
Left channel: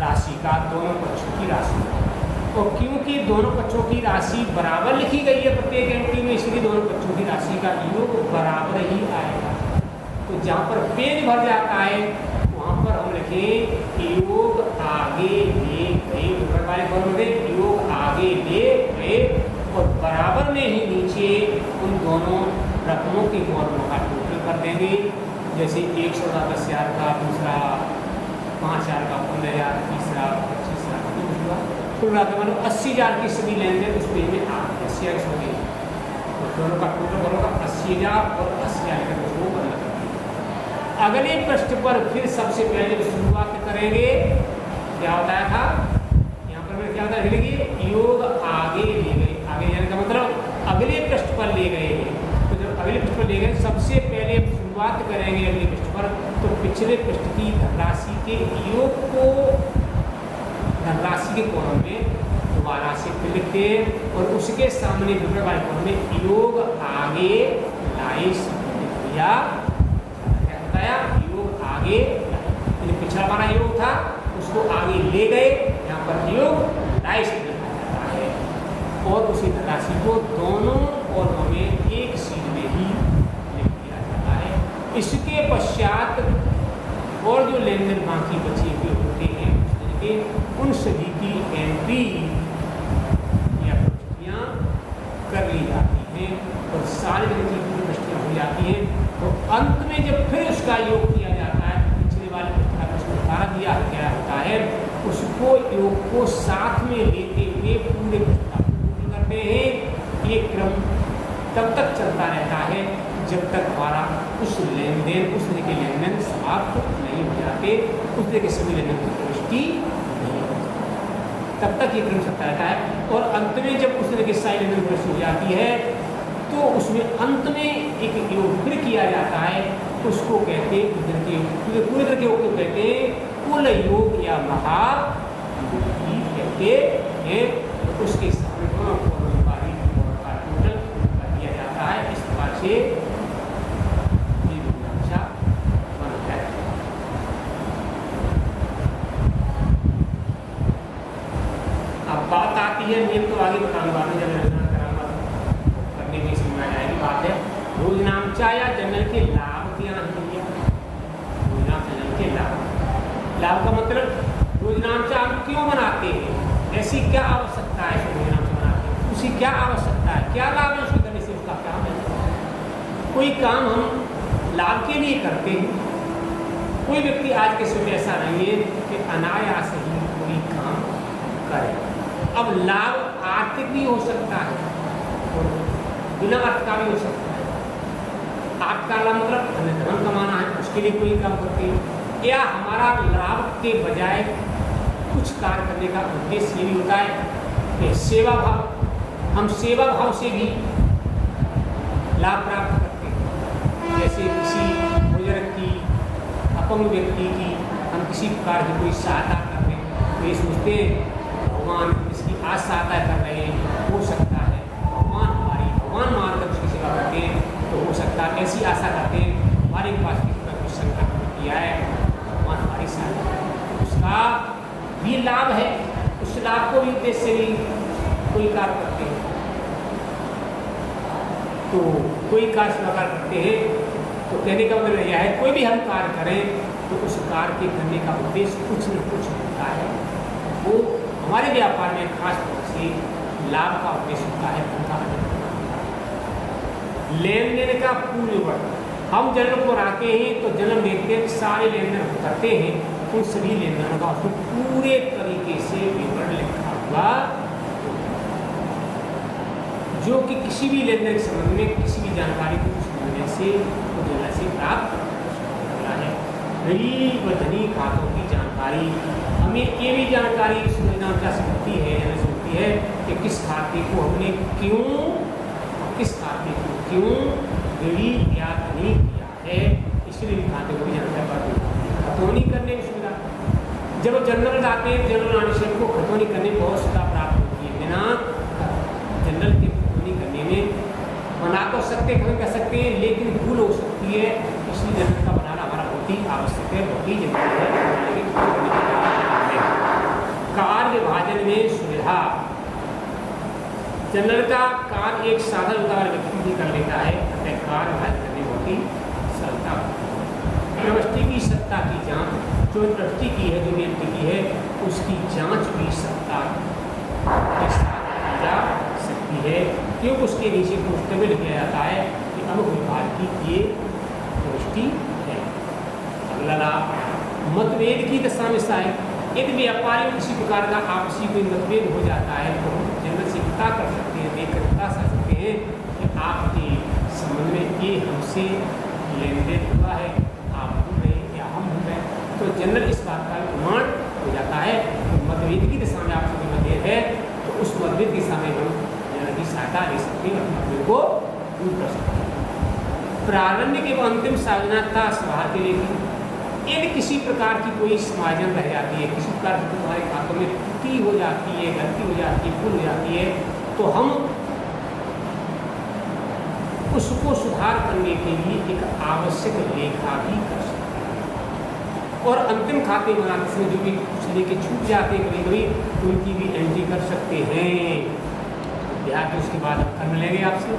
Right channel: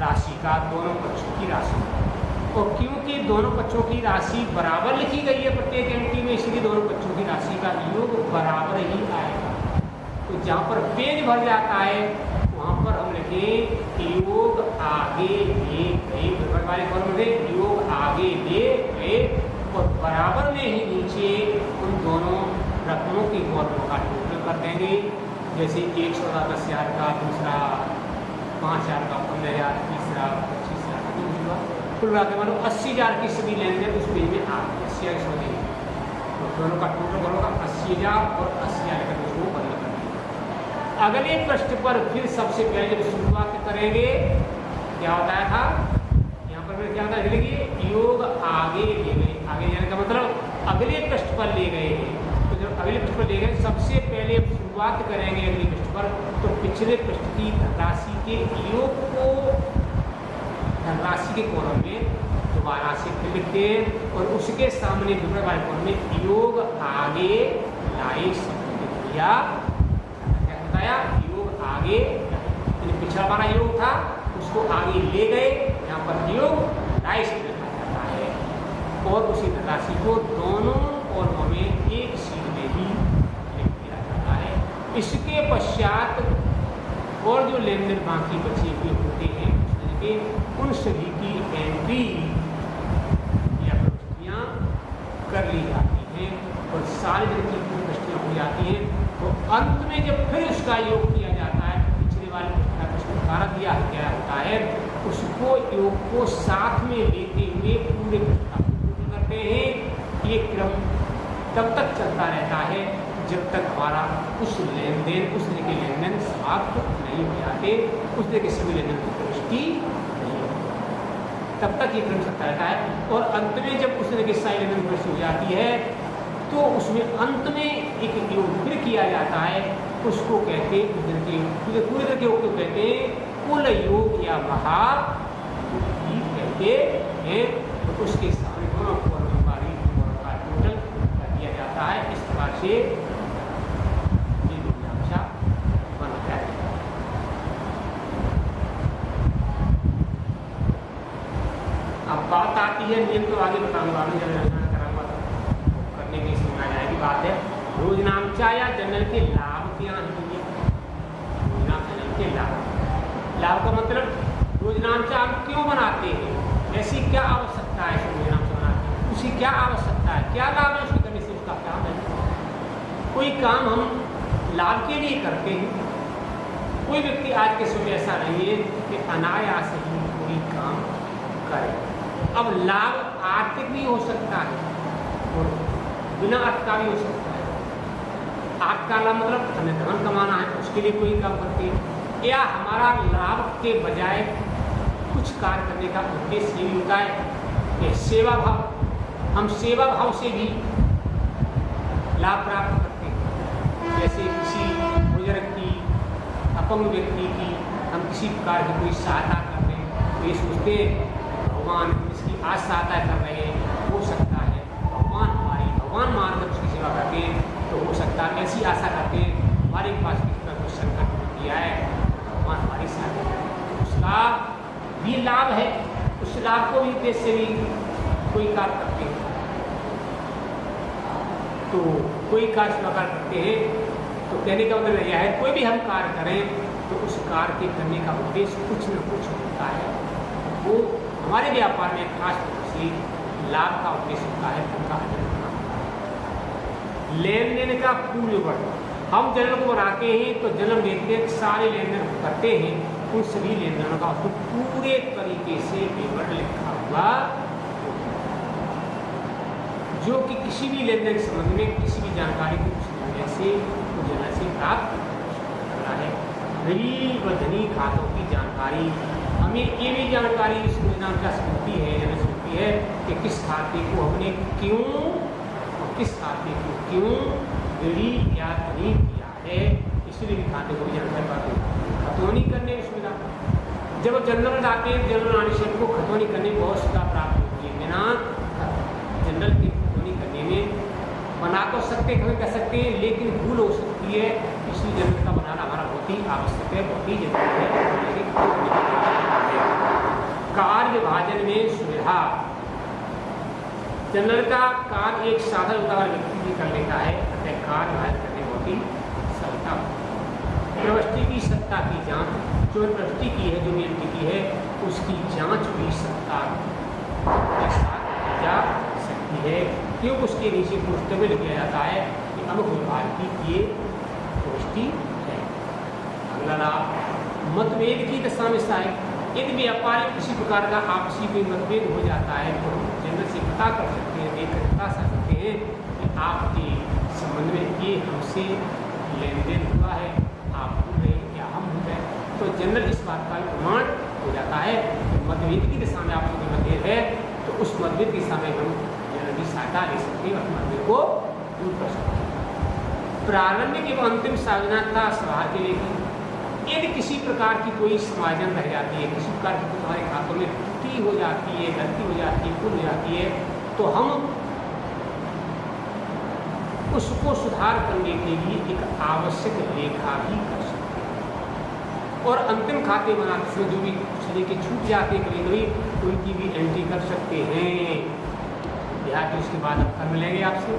राशि का, दोनों पक्षों की राशि। और क्योंकि दोनों पक्षों की राशि बराबर लिखी गई है प्रत्येक एंट्री में, इसलिए दोनों पक्षों की राशि का योग बराबर ही आएगा। तो जहाँ पर पेज भर जाता है वहाँ पर हम लिखें योग आगे ले गए, विवरण वाले कॉलम में योग आगे ले गए, और बराबर में ही नीचे उन दोनों रकमों के कॉलमों का टोटल कर देंगे। जैसे 110,000 का, दूसरा 5,000 का, 15,000, तीसरा 25,000, दूसरा कुल मिला के मतलब 80,000 की सभी लेन देन उस पेज में आ गए, 80,000 सौ गए, तो दोनों का टोटल करोगा 80,000 और 80,000 लेकर उसको बंद कर देंगे। अगले पृष्ठ पर फिर सबसे पहले शुरुआत करेंगे, क्या बताया था यहाँ पर मैं क्या था, लिखिए योग आगे ले गए, आगे जाने का मतलब अगले पृष्ठ पर ले गए हैं। तो जब अगले पृष्ठ पर ले गए, सबसे पहले शुरुआत करेंगे अगले पृष्ठ पर, तो पिछले पृष्ठ की धनराशि के योग को धनराशि के कॉलम में दोबारा से लिखते हैं, और उसके सामने विवरण वाले कॉलम में योग आगे लाई दिया, बताया योग आगे, पिछला हमारा योग था उसको आगे ले गए, यहाँ पर योग लाई से लिखा जाता है, और उसी धनराशि को दोनों कॉलमों में एक सीध में ही लिख दिया जाता है। इसके पश्चात और जो लेन देन बाकी बचे हुए होते हैं उन सभी की एंट्री या प्रविष्टियाँ कर ली जाती हैं, और सारी जगह की प्रविष्टियाँ हो जाती हैं। तो अंत में जब फिर उसका योग किया जाता है, पिछले वाले पुस्तक में उसको दोबारा दिया गया होता है, उसको योग को साथ में लेते हुए पूरे पुस्तक को पूर्ण करते हैं। ये क्रम तब तक चलता रहता है जब तक हमारा उस लेन देन, उस तरह के लेन देन समाप्त नहीं हो जाते, उस तरह के सभी लेन देन की प्रविष्टि नहीं होती, तब तक ये क्रम चलता रहता है। और अंत में जब उस तरह की सारी लेन देन प्रविष्टि हो जाती है, तो उसमें अंत में एक योग फिर किया जाता है, उसको कहते हैं पूरे तरह के योग को कहते हैं कुल योग या महायोग कहते हैं। तो उसके सामने दोनों कॉलम का टोटल कर दिया जाता है। इस प्रकार से ये योजनांशा बनता है। अब बात आती है, मेन तो आगे बताऊंगा, करने में समझ आएगी बात है योजनांशा या जनरल के लाभ के यहाँ दिया। जनरल के लाभ का मतलब योजनांशा हम क्यों बनाते हैं, ऐसी क्या आवश्यकता है योजनांशा बनाते हैं, उसकी क्या आवश्यकता है, क्या लाभ है उसके करने से, उसका काम है। कोई काम हम लाभ के लिए करते हैं, कोई व्यक्ति आज के समय ऐसा नहीं है कि अनायास ही कोई काम करे। अब लाभ आर्थिक भी हो सकता है और बिना अर्थ का भी हो सकता है। अर्थ का लाभ मतलब हमें धन कमाना है, उसके लिए कोई काम करते हैं, या हमारा लाभ के बजाय कुछ कार्य करने का उद्देश्य ये भी होता है कि सेवा भाव, हम सेवा भाव से भी लाभ प्राप्त करते हैं। जैसे किसी बुजुर्ग की, अपंग व्यक्ति की हम किसी प्रकार की कोई सहायता कर रहे हैं, तो ये सोचते हैं भगवान इसकी आज सहायता कर रहे हैं, हो सकता है भगवान मानकर उसकी सेवा करते हैं, तो हो सकता है ऐसी आशा करते हैं हमारे पास किस तरह कोई संकट किया है, भगवान हमारी सहायता करें, उसका भी लाभ है, उस लाभ को भी उद्देश्य से भी कोई कार्य करते हैं। तो कोई कार्य प्रकार करते हैं तो कहने का मतलब यह है कोई भी हम कार्य करें तो उस कार्य के करने का उद्देश्य कुछ न कुछ होता है, वो हमारे व्यापार में खास तौर से लाभ का उद्देश्य होता है, धन का होता है। लेन देन का पूर्ववर्त, हम जन्म को आते हैं तो जन्म लेते सारे लेन देन करते हैं, उन सभी लेन देनों का पूरे तरीके से विवरण लिखा हुआ, जो कि किसी भी लेन देन के संबंध में किसी भी जानकारी को उस लेन से प्राप्त करना है। ऋणी व धनी खातों की जानकारी, हमें ये भी जानकारी इस योजना क्या मिलती है कि किस खाते को हमने क्यों और किस खाते को क्यों ऋणी या धनी किया है, इसलिए भी खाते को भी जानकारी प्राप्त होती है। खतौनी करने में सुविधा, जब जनरल आते हैं जनरल आने से हमको खतौनी करने में बहुत सुविधा प्राप्त होती है। बिना जनरल की खतौनी करने में बना तो सकते कभी कर सकते हैं, लेकिन भूल हो सकती है, इसलिए जनरल का बनाना हमारा बहुत ही आवश्यक है, बहुत ही जरूरी है। कार्य विभाजन में सुविधा, जनरल का कार्य एक साधारण उदाहरण व्यक्ति भी कर लेता है, कार्य विभाजन करने बहुत ही सरलता होती है। ट्रस्टी की सत्ता की जांच, जो ट्रस्टी की है, जो व्यक्ति की है, उसकी जांच भी सत्ता के साथ की जा सकती है, क्योंकि उसके नीचे पोस्टर में लिखा जाता है कि अमुक विभाग की ये गोष्ठी है। अगला लाभ, मतभेद की दशा में सहायक, यदि व्यापारी में किसी प्रकार का आपसी कोई मतभेद हो जाता है तो हम जनरल से पता कर सकते हैं, देखकर बता सकते हैं कि आपके संबंध में ये हमसे लेन देन हुआ है, आप हो गए या हम हो गए, तो जनरल इस बात का प्रमाण हो जाता है। तो मतभेद की दिशा में आपको मतभेद है तो उस मतभेद की दिशा में हम जनरल की सहायता ले सकते हैं, अपने मतभेद को दूर कर सकते हैं। प्रारंभिक एवं अंतिम सावधानता सुधार के लिए यदि किसी प्रकार की कोई समायोजन रह जाती है, किसी प्रकार की तुम्हारे खातों में त्रुटि हो जाती है, गलती हो जाती है, भूल हो जाती है, तो हम उसको सुधार करने के लिए एक आवश्यक लेखा भी कर सकते हैं। और अंतिम खाते बनाते समय जो भी कुछ लेके छूट जाते हैं कभी कभी, उनकी भी एंट्री कर सकते हैं। ध्यान उसके बाद अब करने लगे आपसे